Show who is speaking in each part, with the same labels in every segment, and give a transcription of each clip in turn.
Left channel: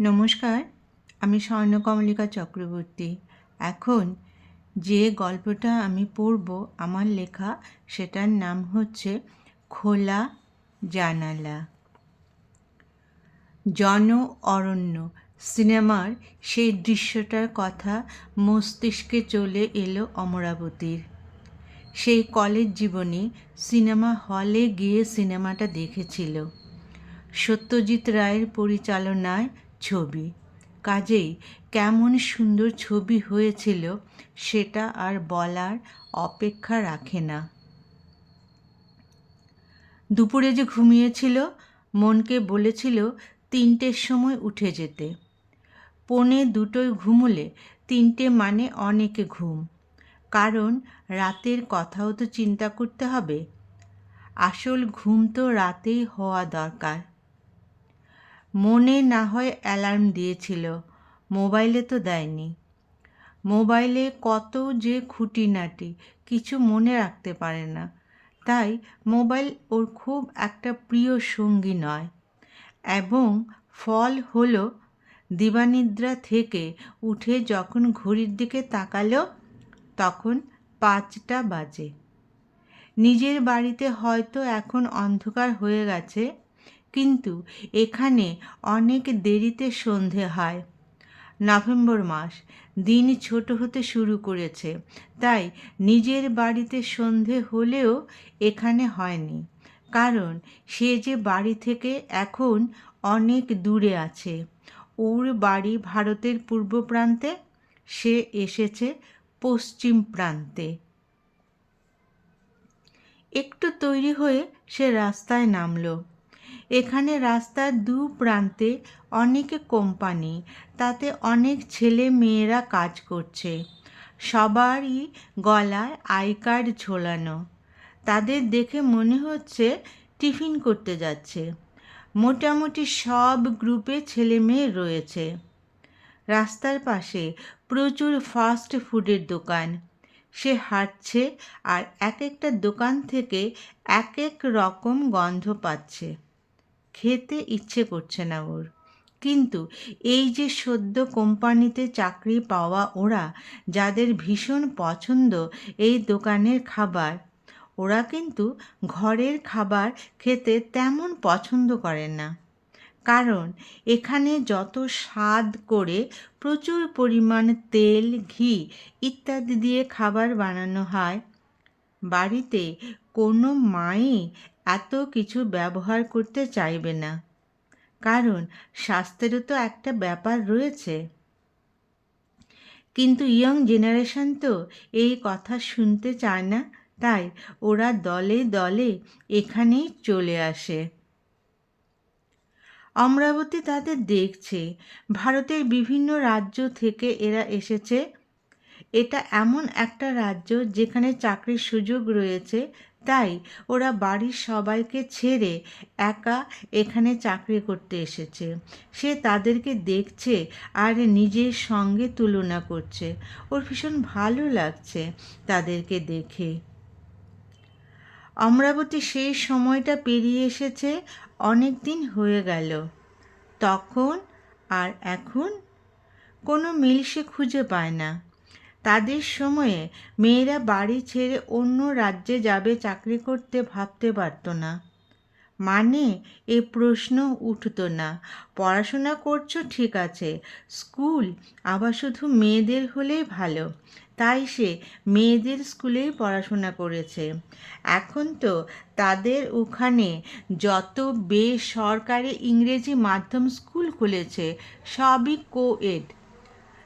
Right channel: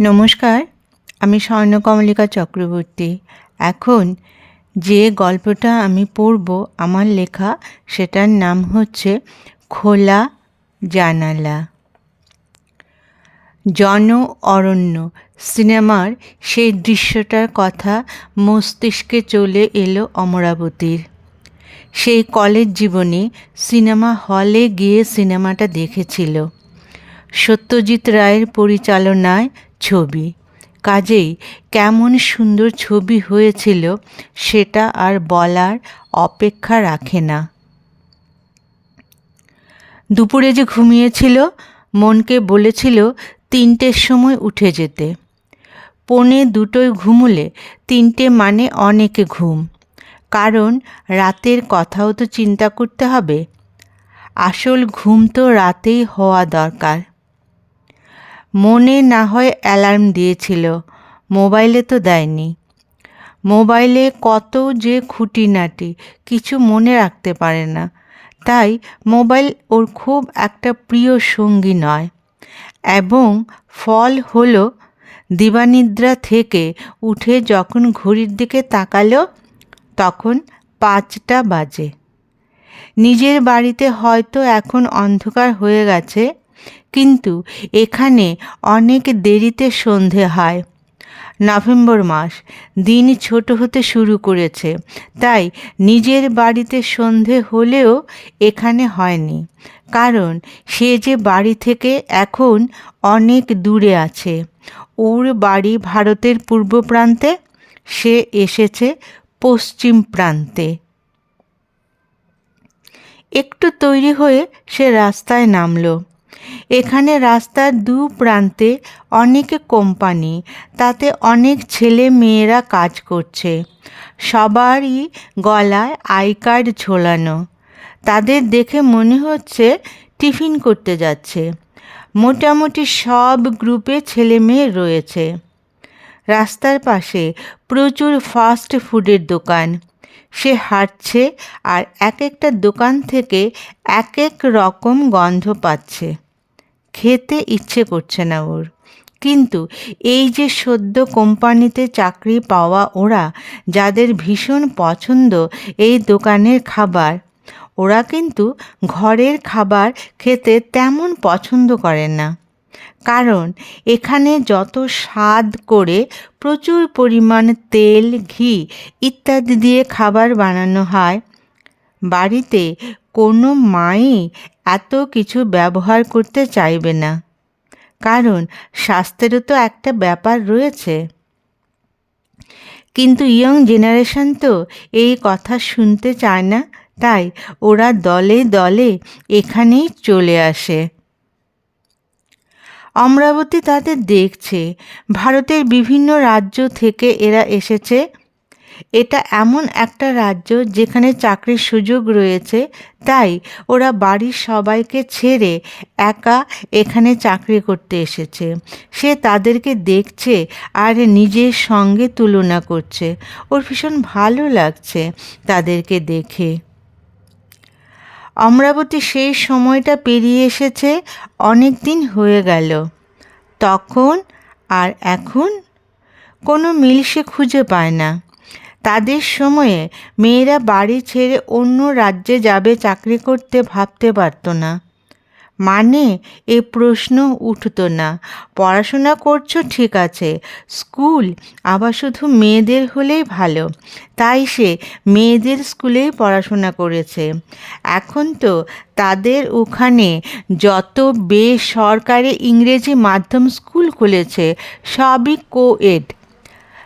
Speaker 1: নমস্কার, আমি স্বর্ণকমলিকা চক্রবর্তী। এখন যে গল্পটা আমি পড়ব, আমার লেখা, সেটার নাম হচ্ছে খোলা জানালা। জন অরণ্য সিনেমার সেই দৃশ্যটার কথা মস্তিষ্কে চলে এলো অমরাবতীর। সেই কলেজ জীবনে সিনেমা হলে গিয়ে সিনেমাটা দেখেছিল। সত্যজিৎ রায়ের পরিচালনায় ছবি। কাজেই কেমন সুন্দর ছবি হয়েছিল সেটা আর বলার অপেক্ষা রাখে না। দুপুরে যে ঘুমিয়েছিল, মনকে বলেছিল তিনটের সময় উঠে যেতে। পনে দুটোয় ঘুমুলে তিনটে মানে অনেকে ঘুম। কারণ রাতের কথাও তো চিন্তা করতে হবে। আসল ঘুম তো রাতেই হওয়া দরকার। মনে না হয় অ্যালার্ম দিয়েছিল। মোবাইলে তো দেয়নি। মোবাইলে কত যে খুঁটিনাটি কিছু মনে রাখতে পারে না। তাই মোবাইল ওর খুব একটা প্রিয় সঙ্গী নয়। এবং ফল হলো, দিবানিদ্রা থেকে উঠে যখন ঘড়ির দিকে তাকালো, তখন পাঁচটা বাজে। নিজের বাড়িতে হয়তো এখন অন্ধকার হয়ে গেছে। কিন্তু এখানে অনেক দেরিতে সন্ধে হয়। নভেম্বর মাস, দিন ছোট হতে শুরু করেছে, তাই নিজের বাড়িতে সন্ধে হলেও এখানে হয়নি। কারণ সে যে বাড়ি থেকে এখন অনেক দূরে আছে। ওর বাড়ি ভারতের পূর্ব প্রান্তে, সে এসেছে পশ্চিম প্রান্তে। একটু তৈরি হয়ে সে রাস্তায় নামলো। এখানে রাস্তার দু প্রান্তে অনেক কোম্পানি, তাতে অনেক ছেলে মেয়েরা কাজ করছে। সবারই গলায় আই কার্ড ঝোলানো। তাদের দেখে মনে হচ্ছে টিফিন করতে যাচ্ছে। মোটামুটি সব গ্রুপে ছেলে মেয়ে রয়েছে। রাস্তার পাশে প্রচুর ফাস্ট ফুডের দোকান। সে হাঁটছে আর এক একটা দোকান থেকে এক এক রকম গন্ধ পাচ্ছে। খেতে ইচ্ছে করছে না ওর। কিন্তু এই যে সদ্য কোম্পানিতে চাকরি পাওয়া ওরা, যাদের ভীষণ পছন্দ এই দোকানের খাবার, ওরা কিন্তু ঘরের খাবার খেতে তেমন পছন্দ করে না। কারণ এখানে যত স্বাদ করে প্রচুর পরিমাণ তেল, ঘি ইত্যাদি দিয়ে খাবার বানানো হয় বাড়িতে কোনো মাই এত কিছু ব্যবহার করতে চাইবে না। কারণ স্বাস্থ্যেরও তো একটা ব্যাপার রয়েছে। কিন্তু ইয়ং জেনারেশন তো এই কথা শুনতে চায় না, তাই ওরা দলে দলে এখানেই চলে আসে। অমরাবতী তাদের দেখছে, ভারতের বিভিন্ন রাজ্য থেকে এরা এসেছে এটা এমন একটা রাজ্য যেখানে চাকরির সুযোগ রয়েছে, তাই ওরা বাড়ির সবাইকে ছেড়ে একা এখানে চাকরি করতে এসেছে। সে তাদেরকে দেখছে আর নিজের সঙ্গে তুলনা করছে। ওর ভীষণ ভালো লাগছে তাদেরকে দেখে। অমরাবতী সেই সময়টা পেরিয়ে এসেছে অনেক দিন হয়ে গেল। তখন আর এখন কোনো মিল সে খুঁজে পায় না। তাদের সময়ে মেয়েরা বাড়ি ছেড়ে অন্য রাজ্যে যাবে চাকরি করতে ভাবতে পারত না। মানে এ প্রশ্ন উঠত না। পড়াশোনা করছ, ঠিক আছে। স্কুল আবার শুধু মেয়েদের হলেই ভালো। তাই সে মেয়েদের স্কুলেই পড়াশোনা করেছে। এখন তো তাদের ওখানে যত বেসরকারি ইংরেজি মাধ্যম স্কুল খুলেছে, সবই কোএড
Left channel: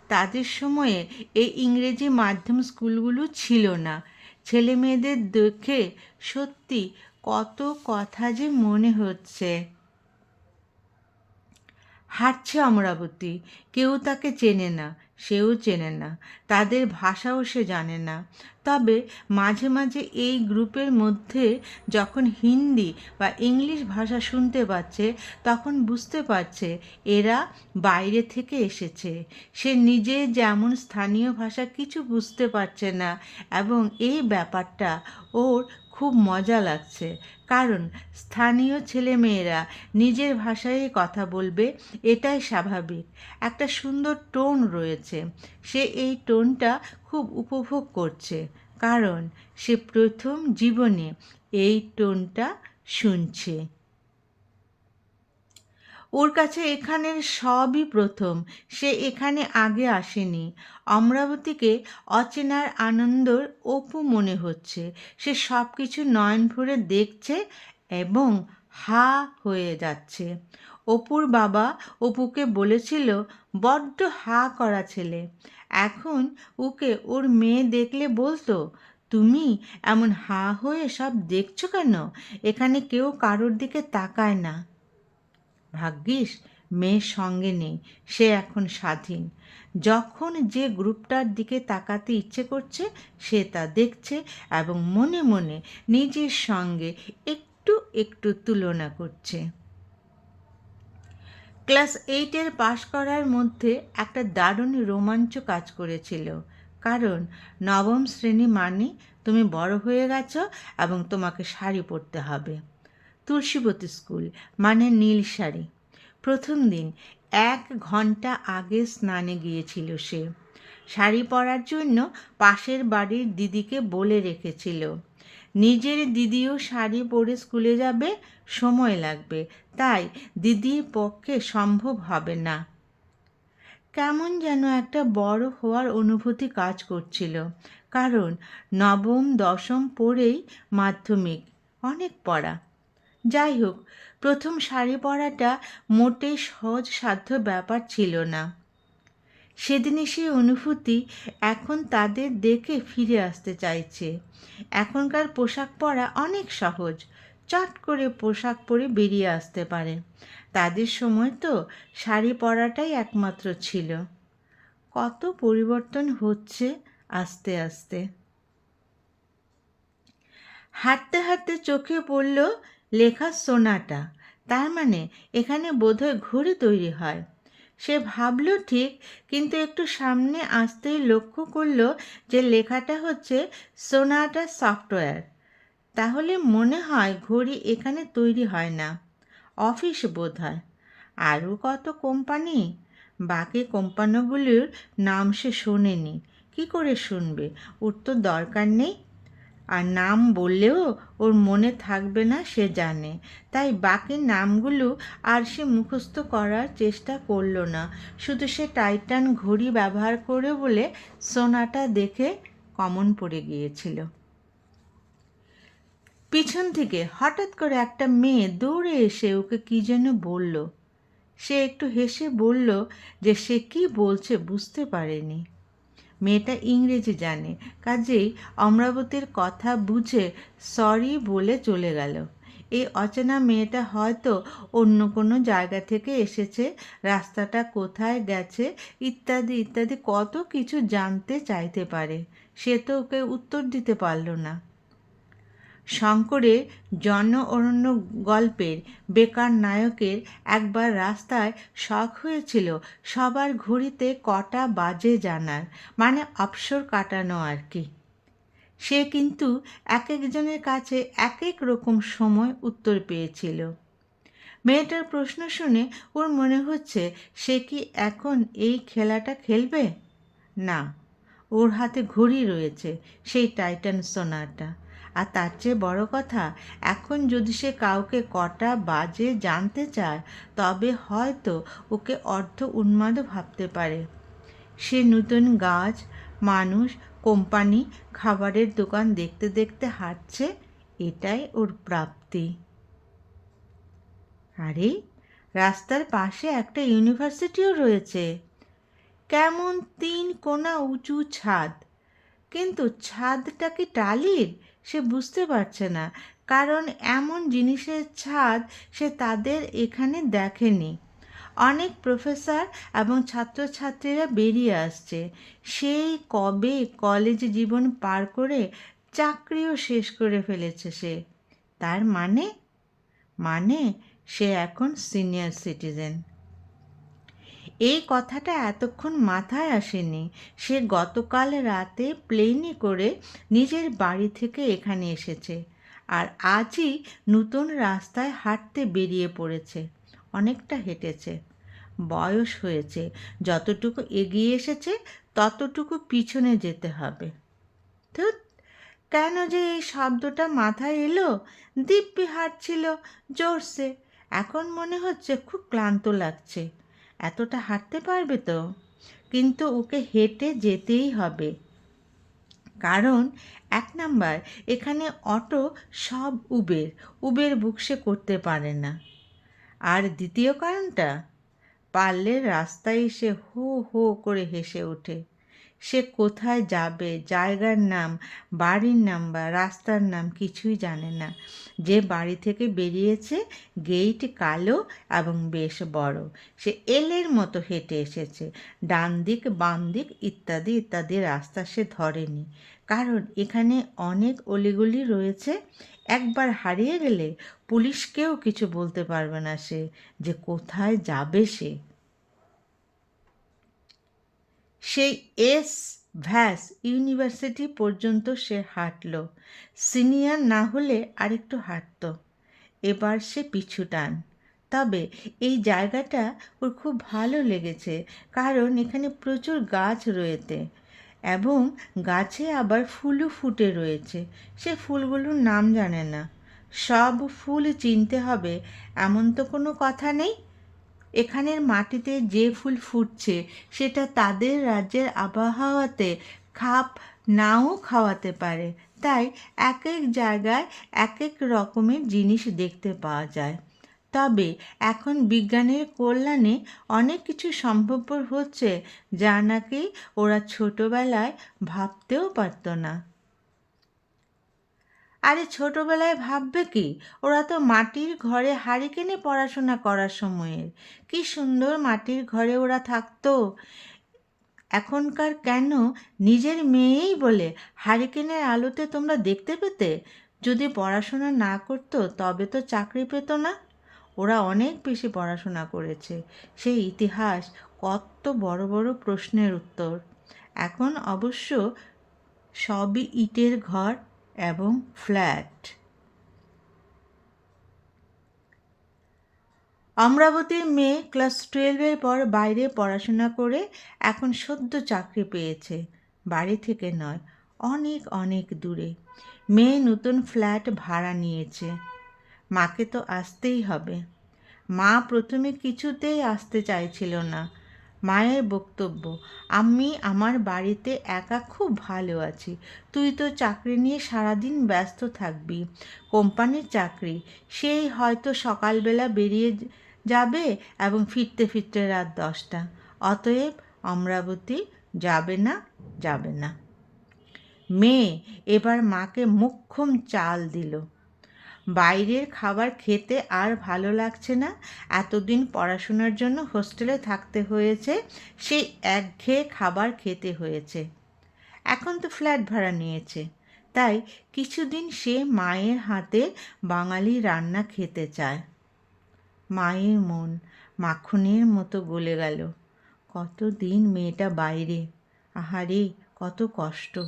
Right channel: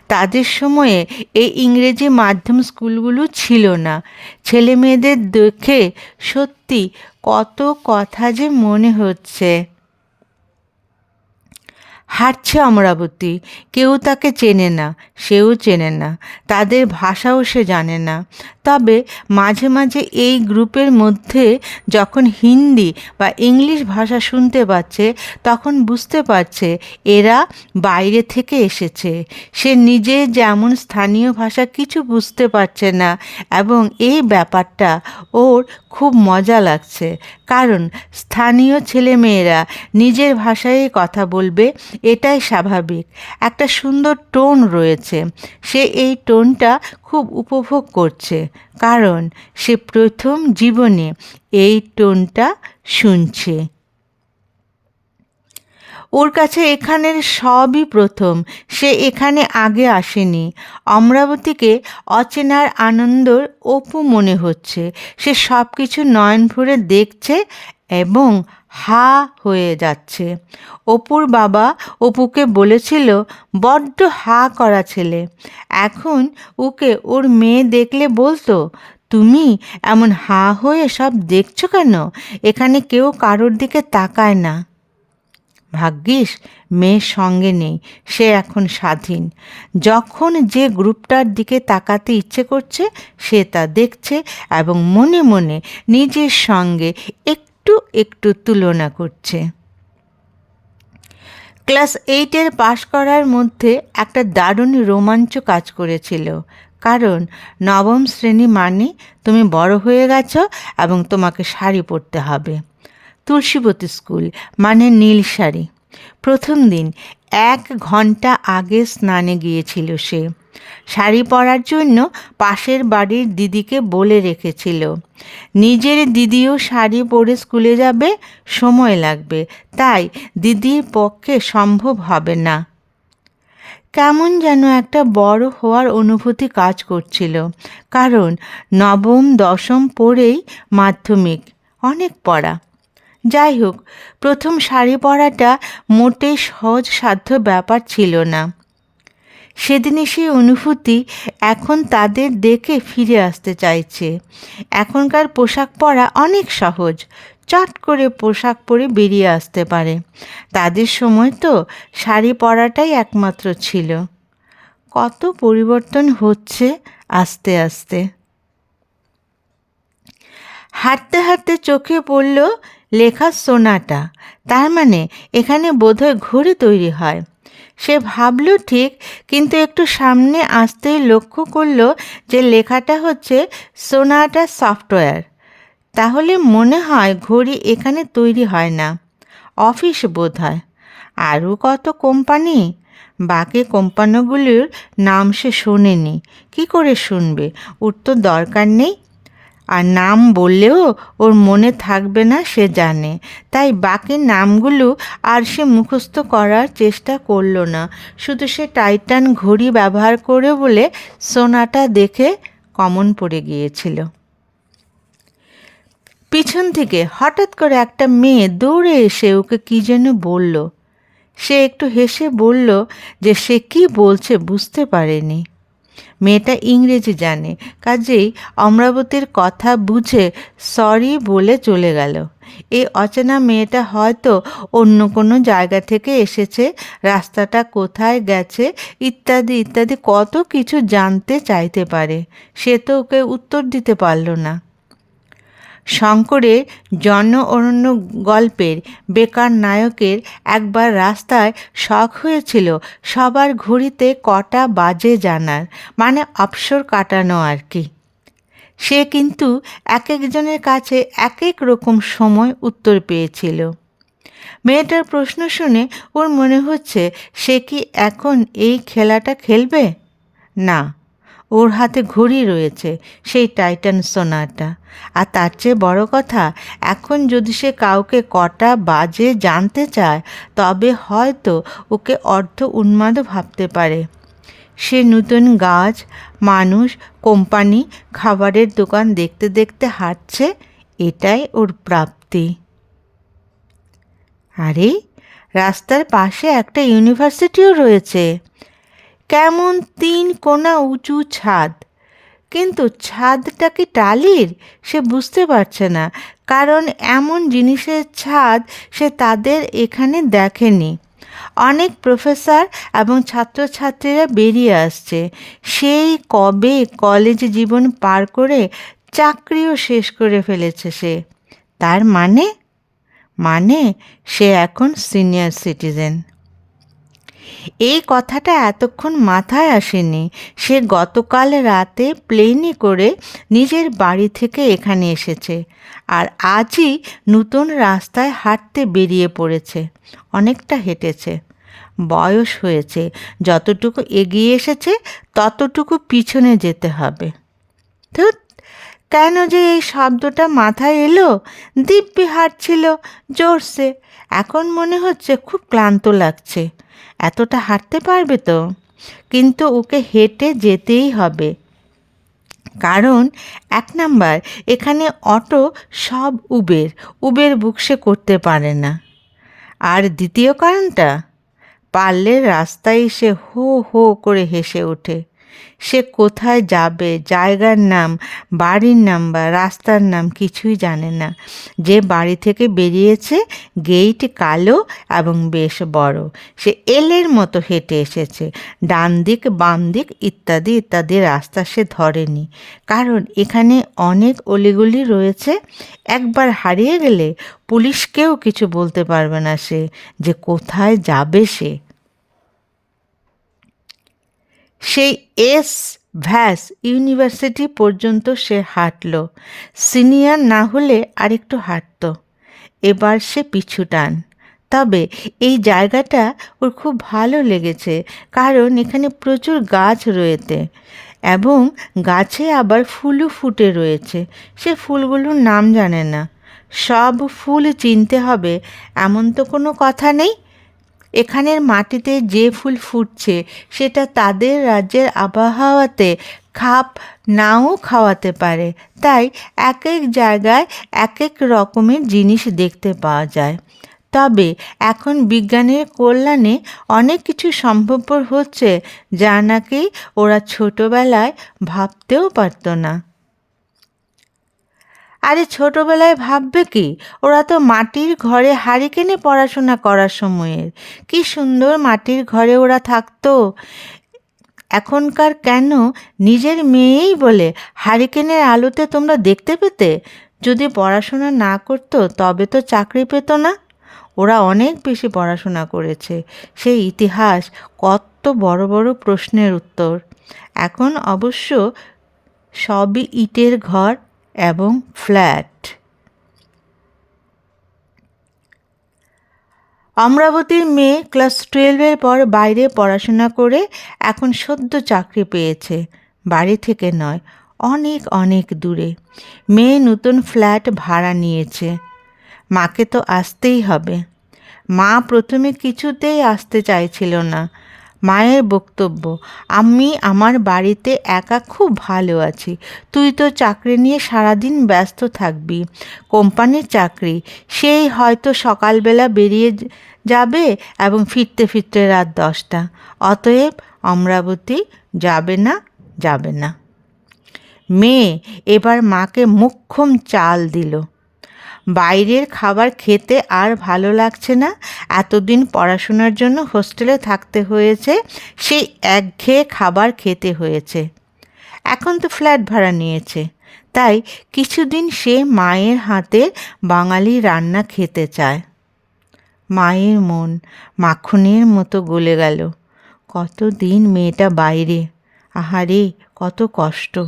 Speaker 1: তাদের সময়ে এই ইংরেজি মাধ্যম স্কুলগুলো ছিল না। ছেলে মেয়েদের দেখে সত্যি কত কথা যে মনে হচ্ছে। হাঁটছে অমরাবতী। কেউ তাকে চেনে না, সেও চেনে না, তাদের ভাষাও সে জানে না। তবে মাঝে মাঝে এই গ্রুপের মধ্যে যখন হিন্দি বা ইংলিশ ভাষা শুনতে পাচ্ছে, তখন বুঝতে পারছে এরা বাইরে থেকে এসেছে। সে নিজে যেমন স্থানীয় ভাষা কিছু বুঝতে পারছে না এবং এই ব্যাপারটা ওর খুব মজা লাগছে। কারণ স্থানীয় ছেলেমেয়েরা নিজের ভাষায় কথা বলবে, এটাই স্বাভাবিক। একটা সুন্দর টোন রয়েছে। সে এই টোনটা খুব উপভোগ করছে। কারণ সে প্রথম জীবনে এই টোনটা শুনছে। ওর কাছে এখানের সবই প্রথম। সে এখানে আগে আসেনি। অমরাবতীকে অচেনার আনন্দর অপু মনে হচ্ছে। সে সব কিছু নয়ন ভরে দেখছে এবং হা হয়ে যাচ্ছে। অপুর বাবা অপুকে বলেছিল, বড্ড হা করা ছেলে। এখন ওকে ওর মেয়ে দেখলে বলতো, তুমি এমন হা হয়ে সব দেখছ কেন? এখানে কেউ কারোর দিকে তাকায় না। ভাগ্যিস মেয়ের সঙ্গে নেই, সে এখন স্বাধীন। যখন যে গ্রুপটার দিকে তাকাতে ইচ্ছে করছে, সে তা দেখছে এবং মনে মনে নিজের সঙ্গে একটু একটু তুলনা করছে। ক্লাস এইটের পাশ করার মধ্যে একটা দারুণ রোমাঞ্চ কাজ করেছিল। কারণ নবম শ্রেণি মানে তুমি বড় হয়ে গেছো এবং তোমাকে শাড়ি পরতে হবে। তুলসীবতী স্কুল মানে নীল শাড়ি। প্রথম দিন এক ঘণ্টা আগে স্নানে গিয়েছিল সে। শাড়ি পরার জন্য পাশের বাড়ির দিদিকে বলে রেখেছিল, নিজের দিদিও শাড়ি পরে স্কুলে যাবে, সময় লাগবে, তাই দিদির পক্ষে সম্ভব হবে না। কেমন যেন একটা বড় হওয়ার অনুভূতি কাজ করছিল, কারণ নবম, দশম পড়েই মাধ্যমিক, অনেক পড়া। যাই হোক, প্রথম শাড়ি পরাটা মোটে সহজ সাধ্য ব্যাপার ছিল না। সেদিনে সেই অনুভূতি এখন তাদের দেখে ফিরে আসতে চাইছে। এখনকার পোশাক পরা অনেক সহজ, চট করে পোশাক পরে বেরিয়ে আসতে পারে। তাদের সময় তো শাড়ি পরাটাই একমাত্র ছিল। কত পরিবর্তন হচ্ছে আস্তে আস্তে। হাঁটতে হাঁটতে চোখে পড়ল লেখা সোনাটা। তার মানে এখানে বোধহয় ঘড়ি তৈরি হয়। সে ভাবল, ঠিক, কিন্তু একটু সামনে আসতেই লক্ষ্য করল যে লেখাটা হচ্ছে সোনাটা সফটওয়্যার। তাহলে মনে হয় ঘড়ি এখানে তৈরি হয় না। অফিস বোধ হয় আরও কত কোম্পানি? বাকি কোম্পানিগুলির নাম সে শোনেনি। কি করে শুনবে? তো দরকার নেই। আর নাম বললেও ওর মনে থাকবে না, সে জানে। তাই বাকি নামগুলো আর সে মুখস্থ করার চেষ্টা করল না। শুধু সে টাইটান ঘড়ি ব্যবহার করে বলে সোনাটা দেখে কমন পড়ে গিয়েছিল। পিছন থেকে হঠাৎ করে একটা মেয়ে দৌড়ে এসে ওকে কী যেন বলল। সে একটু হেসে বলল যে সে কি বলছে বুঝতে পারেনি। মেয়েটা ইংরেজি জানে। কাজেই অমরাবতীর কথা বুঝে সরি বলে চলে গেল। এই অচেনা মেয়েটা হয়তো অন্য কোনো জায়গা থেকে এসেছে, রাস্তাটা কোথায় গেছে, ইত্যাদি ইত্যাদি কত কিছু জানতে চাইতে পারে। সে তো ওকে উত্তর দিতে পারল না। শঙ্করের জন অরণ্য গল্পের বেকার নায়কের একবার রাস্তায় শখ হয়েছিল সবার ঘড়িতে কটা বাজে জানার মানে অবসর কাটানো আর কি। সে কিন্তু এক একজনের কাছে এক এক রকম সময় উত্তর পেয়েছিল। মেয়েটার প্রশ্ন শুনে ওর মনে হচ্ছে, সে কি এখন এই খেলাটা খেলবে? না। ওর হাতে ঘড়ি রয়েছে, সেই টাইটান সোনাটা। আর তার চেয়ে বড় কথা, এখন যদি সে কাউকে কটা বাজে জানতে চায়, তবে হয়তো ওকে অর্ধ উন্মাদ ভাবতে পারে। সে নতুন গাছ, মানুষ, কোম্পানি, খাবারের দোকান দেখতে দেখতে হাঁটছে, এটাই ওর প্রাপ্তি। আরে, রাস্তার পাশে একটা ইউনিভার্সিটিও রয়েছে। কেমন তিন কোনা উঁচু ছাদ। কিন্তু ছাদটা কি টালির? সে বুঝতে পারছে না, কারণ এমন জিনিসের ছাদ সে তাদের এখানে দেখেনি। অনেক প্রফেসর এবং ছাত্রছাত্রীরা বেরিয়ে আসছে। সেই কবে কলেজ জীবন পার করে চাকরিও শেষ করে ফেলেছে সে। তার মানে? মানে সে এখন সিনিয়র সিটিজেন। এই কথাটা এতক্ষণ মাথায় আসেনি। সে গতকাল রাতে প্লেনে করে নিজের বাড়ি থেকে এখানে এসেছে আর আজই নতুন রাস্তায় হাঁটতে বেরিয়ে পড়েছে। অনেকটা হেঁটেছে। বয়স হয়েছে। যতটুকু এগিয়ে এসেছে, ততটুকু পিছনে যেতে হবে। ধুত কেন যে এই শব্দটা মাথায় এলো? দিব্যি হাঁটছিল, জোরসে। এখন মনে হচ্ছে খুব ক্লান্ত লাগছে। এতটা হাঁটতে পারবে তো? কিন্তু ওকে হেঁটে যেতেই হবে। কারণ এক নাম্বার, এখানে অটো সব উবের উবের বুকসে করতে পারে না। আর দ্বিতীয় কারণটা, পারলে রাস্তায় এসে হো হো করে হেসে ওঠে। সে কোথায় যাবে, জায়গার নাম, বাড়ির নাম বা রাস্তার নাম কিছুই জানে না। যে বাড়ি থেকে বেরিয়েছে, গেইট কালো এবং বেশ বড়। সে এলের মতো হেঁটে এসেছে। ডান দিক বাম দিক ইত্যাদি ইত্যাদি রাস্তা সে ধরেনি। কারণ এখানে অনেক অলিগুলি রয়েছে। একবার হারিয়ে গেলে পুলিশকেও কিছু বলতে পারবে না সে যে কোথায় যাবে সে। সেই এস ভ্যাস ইউনিভার্সিটি পর্যন্ত সে হাঁটল। সিনিয়র না হলে আরেকটু হাঁটত। এবার সে পিছু টান। তবে এই জায়গাটা ওর খুব ভালো লেগেছে, কারণ এখানে প্রচুর গাছ রয়েছে এবং গাছে আবার ফুলও ফুটে রয়েছে। সে ফুলগুলোর নাম জানে না। সব ফুল চিনতে হবে, এমন তো কোনো কথা নেই? এখানের মাটিতে যে ফুল ফুটছে, সেটা তাদের রাজ্যের আবহাওয়াতে খাপ নাও খাওয়াতে পারে। তাই এক এক জায়গায় এক এক রকমের জিনিস দেখতে পাওয়া যায়। তবে এখন বিজ্ঞানের কল্যাণে অনেক কিছু সম্ভবপর হচ্ছে যা নাকি ওরা ছোটোবেলায় ভাবতেও পারত না। আরে ছোটোবেলায় ভাববে কি? ওরা তো মাটির ঘরে হারিকেনে পড়াশোনা করার সময়ের। কি সুন্দর মাটির ঘরে ওরা থাকতো। এখনকার কেন? নিজের মেয়েই বলে, হারিকেনের আলোতে তোমরা দেখতে পেতে? যদি পড়াশোনা না করতো, তবে তো চাকরি পেত না? ওরা অনেক বেশি পড়াশোনা করেছে। সেই ইতিহাস কত বড় বড় প্রশ্নের উত্তর। এখন অবশ্য সবই ইটের ঘর। এবং ফ্ল্যাট। অমরাবতীর মেয়ে ক্লাস টুয়েলভের পর বাইরে পড়াশোনা করে এখন সদ্য চাকরি পেয়েছে। বাড়ি থেকে নয়, অনেক অনেক দূরে। মেয়ে নতুন ফ্ল্যাট ভাড়া নিয়েছে। মাকে তো আসতেই হবে। মা প্রথমে কিছুতেই আসতে চাইছিল না। মায়ের বক্তব্য। আমি আমার বাড়িতে একা খুব ভালো আছি। তুই তো চাকরি নিয়ে সারাদিন ব্যস্ত থাকবি। কোম্পানির চাকরি। সেই হয়তো সকালবেলা বেরিয়ে যাবে এবং ফিরতে ফিরতে রাত দশটা। অতএব অমরাবতী যাবে না যাবে না। মেয়ে এবার মাকে মুখ্যম চাল দিল। বাইরের খাবার খেতে আর ভালো লাগছে না। এতদিন পড়াশোনার জন্য হোস্টেলে থাকতে হয়েছে, সেই একঘেয়ে খাবার খেতে হয়েছে। এখন তো ফ্ল্যাট ভাড়া নিয়েছে। তাই কিছুদিন সে মায়ের হাতে বাঙালি রান্না খেতে চায়। মায়ের মন মাখনের মতো গলে গেল। কতদিন মেয়েটা বাইরে? আহারে, কত কষ্ট।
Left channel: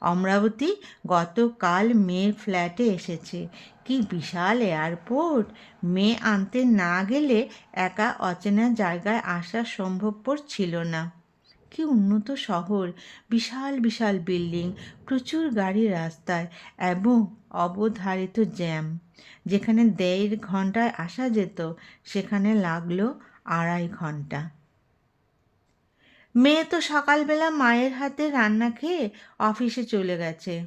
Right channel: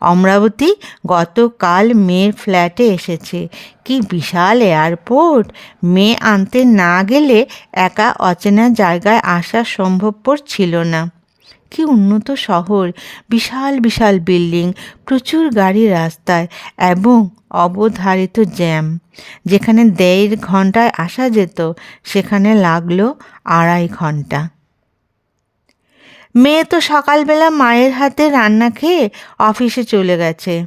Speaker 1: অমরাবতী গতকাল মেয়ের ফ্ল্যাটে এসেছে। কি বিশাল এয়ারপোর্ট! মেয়ে আনতে না গেলে একা অচেনা জায়গায় আসা সম্ভবপর ছিল না। কি উন্নত শহর! বিশাল বিশাল বিল্ডিং, প্রচুর গাড়ি রাস্তায় এবং অবধারিত জ্যাম। যেখানে দেড় ঘন্টায় আসা যেত, সেখানে লাগল আড়াই ঘণ্টা। মেয়ে তো সকালবেলা মায়ের হাতে রান্না খেয়ে অফিসে চলে গেছে।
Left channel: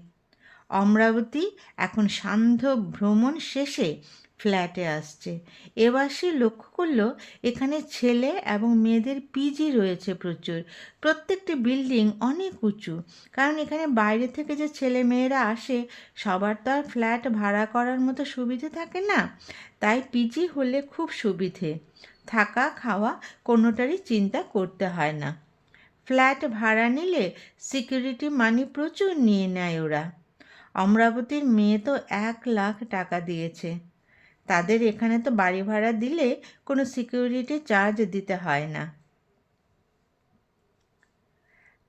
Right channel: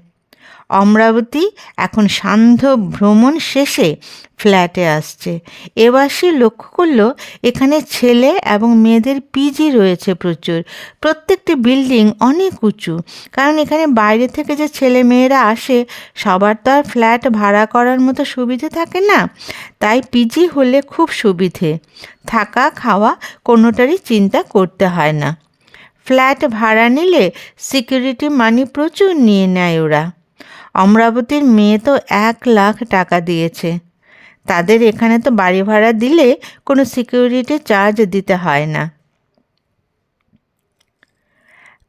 Speaker 1: অমরাবতী এখন সান্ধ্য ভ্রমণ শেষে ফ্ল্যাটে আসছে। এবার সে লক্ষ্য করল, এখানে ছেলে এবং মেয়েদের পিজি রয়েছে প্রচুর। প্রত্যেকটি বিল্ডিং অনেক উঁচু। কারণ এখানে বাইরে থেকে যে ছেলে মেয়েরা আসে, সবার তো আর ফ্ল্যাট ভাড়া করার মতো সুবিধে থাকে না। তাই পিজি হলে খুব সুবিধে। থাকা, খাওয়া কোনোটারই চিন্তা করতে হয় না। ফ্ল্যাট ভাড়া নিলে সিকিউরিটি মানি প্রচুর নিয়ে নেয় ওরা। অমরাবতীর মেয়ে তো এক লাখ টাকা দিয়েছে। তাদের এখানে তো বাড়ি ভাড়া দিলে কোনো সিকিউরিটি চার্জ দিতে হয় না।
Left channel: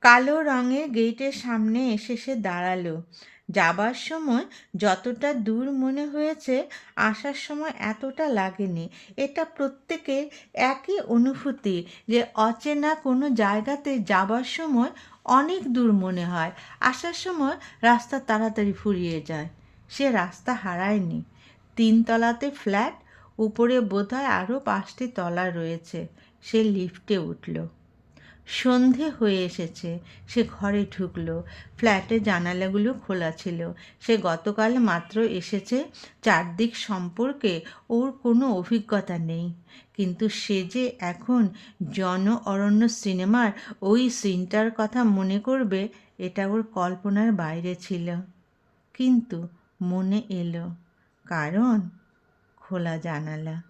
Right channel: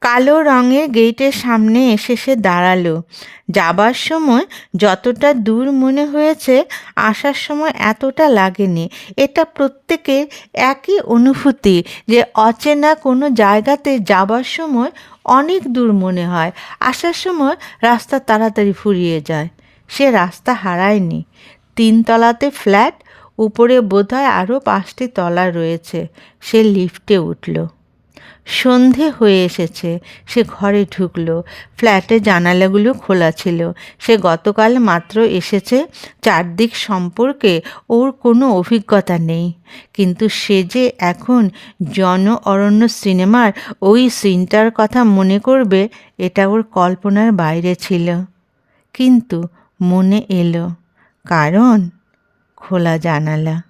Speaker 1: কালো রঙের গেটের সামনে এসে সে দাঁড়াল। যাবার সময় যতটা দূর মনে হয়েছে, আসার সময় এতটা লাগেনি। এটা প্রত্যেকের একই অনুভূতি যে অচেনা কোনো জায়গাতে যাবার সময় অনেক দূর মনে হয়। আসার সময় রাস্তা তাড়াতাড়ি ফুরিয়ে যায়। সে রাস্তা হারায়নি। তিনতলাতে ফ্ল্যাট, উপরে বোধহয় আরও পাঁচটি তলা রয়েছে। সে লিফটে উঠল। সন্ধে হয়ে এসেছে। সে ঘরে ঢুকলো। ফ্ল্যাটে জানালাগুলো খোলা ছিল। সে গতকাল মাত্র এসেছে। চারদিক সম্পর্কে ওর কোনো অভিজ্ঞতা নেই। কিন্তু সে যে এখন জন অরণ্য সিনেমার ওই সিনটার কথা মনে করবে, এটা ওর কল্পনার বাইরে ছিল। কিন্তু মনে এলো, কারণ খোলা জানালা।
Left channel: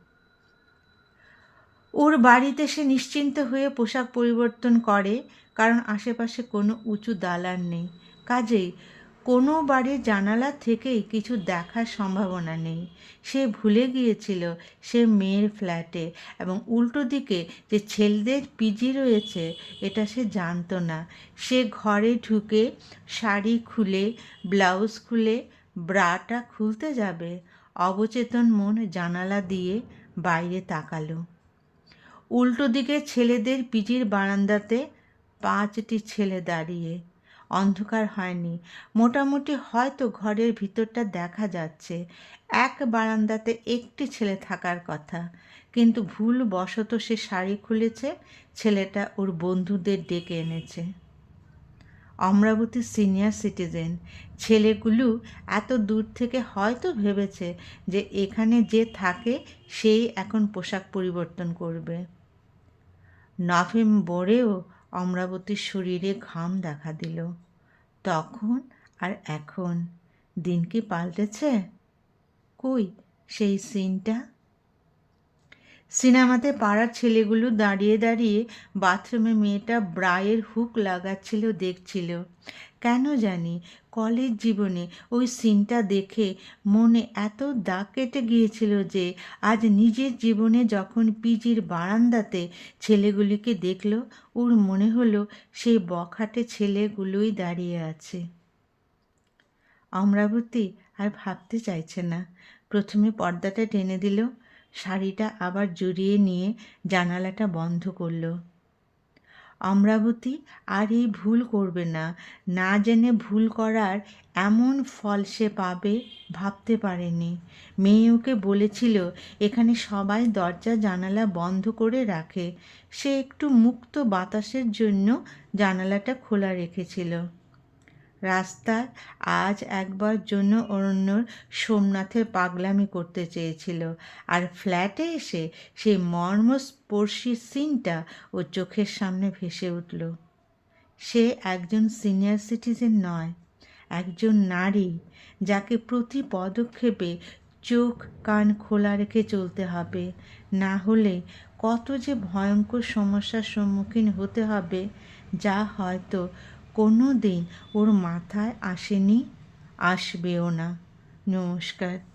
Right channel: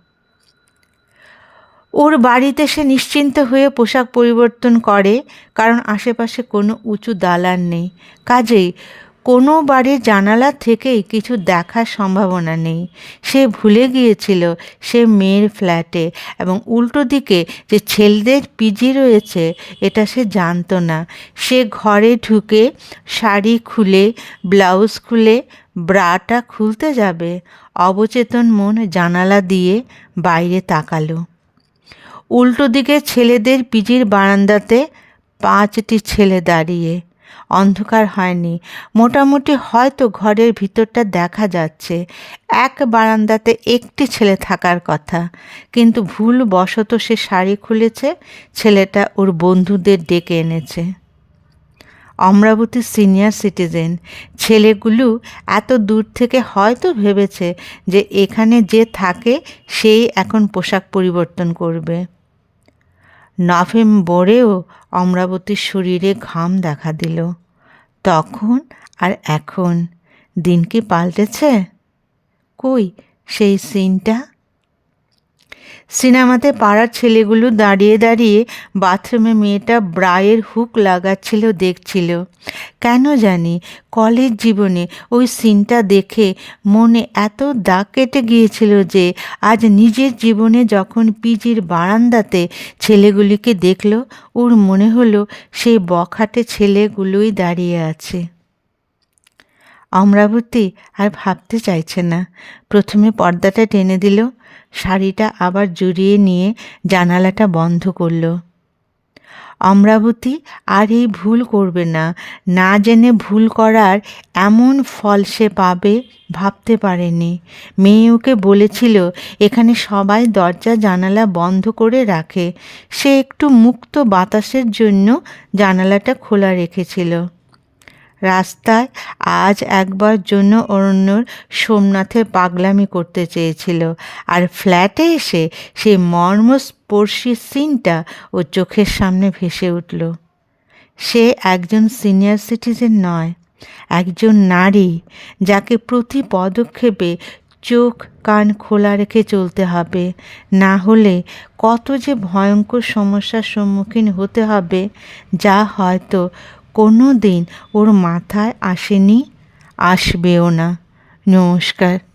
Speaker 1: ওর বাড়িতে সে নিশ্চিন্ত হয়ে পোশাক পরিবর্তন করে, কারণ আশেপাশে কোনো উঁচু দালান নেই। কাজেই কোনো বাড়ির জানালা থেকেই কিছু দেখার সম্ভাবনা নেই। সে ভুলে গিয়েছিল সে মেয়ের ফ্ল্যাটে এবং উল্টো দিকে যে ছেলেদের পিজি রয়েছে, এটা সে জানতো না। সে ঘরে ঢুকে শাড়ি খুলে, ব্লাউজ খুলে, ব্রাটা খুলতে যাবে। অবচেতন মন জানালা দিয়ে বাইরে তাকালো। উল্টো দিকে ছেলেদের পিজির বারান্দাতে পাঁচটি ছেলে দাঁড়িয়ে। অন্ধকার হয়নি। মোটামুটি হয়তো ঘরের ভিতরটা দেখা যাচ্ছে। এক বারান্দাতে একটি ছেলে থাকার কথা। কিন্তু ভুল বশত সে শাড়ি খুলেছে, ছেলেটা ওর বন্ধুদের ডেকে এনেছে। অমরাবতী সিনিয়র সিটিজেন, ছেলেগুলো এত দূর থেকে হয়তো ভেবেছে যে এখানে যে থাকে, সেই এখন পোশাক পরিবর্তন করবে। নভেম্বরেও অমরাবতীর শরীরে ঘাম দেখা দিল। তখন আর এখন দিন কি পাল্টেছে? কই সেই সিনটা সিনেমাতে পাড়ার ছেলেগুলো দাঁড়িয়ে দাঁড়িয়ে বাথরুমে মেয়েটা ব্রায়ের হুক লাগাচ্ছিল, দেখছিল। কেন জানি কলেজ জীবনে ওই সিনটা দেখে মনে এত দাগ কেটে গিয়েছিল যে আজ নিজের জীবনে যখন পিজির বারান্দাতে ছেলেগুলিকে দেখল, ওর মনে হলো সেই বখাটে ছেলেগুলোই দাঁড়িয়ে আছে। অমরাবতী আর ভাবতে চাইছে না। প্রথমে পর্দাটা টেনে দিল শাড়িটা আবার জড়িয়ে নিয়ে জানালাটা বন্ধ করল। অমরাবতী আর এই ভুল করবে না না জেনে ভুল করার এমন ফল সে পাবে ভাবতে পারেনি। মেয়ে ওকে বলেছিল, এখানে সবাই দরজা, জানালা বন্ধ করে রাখে। সে একটু মুক্ত বাতাসের জন্য জানালাটা খোলা রেখেছিল। রাস্তায় আজ একবার জন্য অরণ্যর সোমনাথের পাগলামি করতে চেয়েছিল। আর ফ্ল্যাটে এসে সেই মর্মস্পর্শী সিনটা ও চোখের সামনে ভেসে উঠল। সে একজন সিনিয়র সিটিজেন নয়, একজন নারী যাকে প্রতি পদক্ষেপে চোখ কান খোলা রেখে চলতে হবে। না হলে কত যে ভয়ঙ্কর সমস্যার সম্মুখীন হতে হবে, যা হয়তো কোনো দিন ওর মাথায় আসেনি আসবেও না। নমস্কার।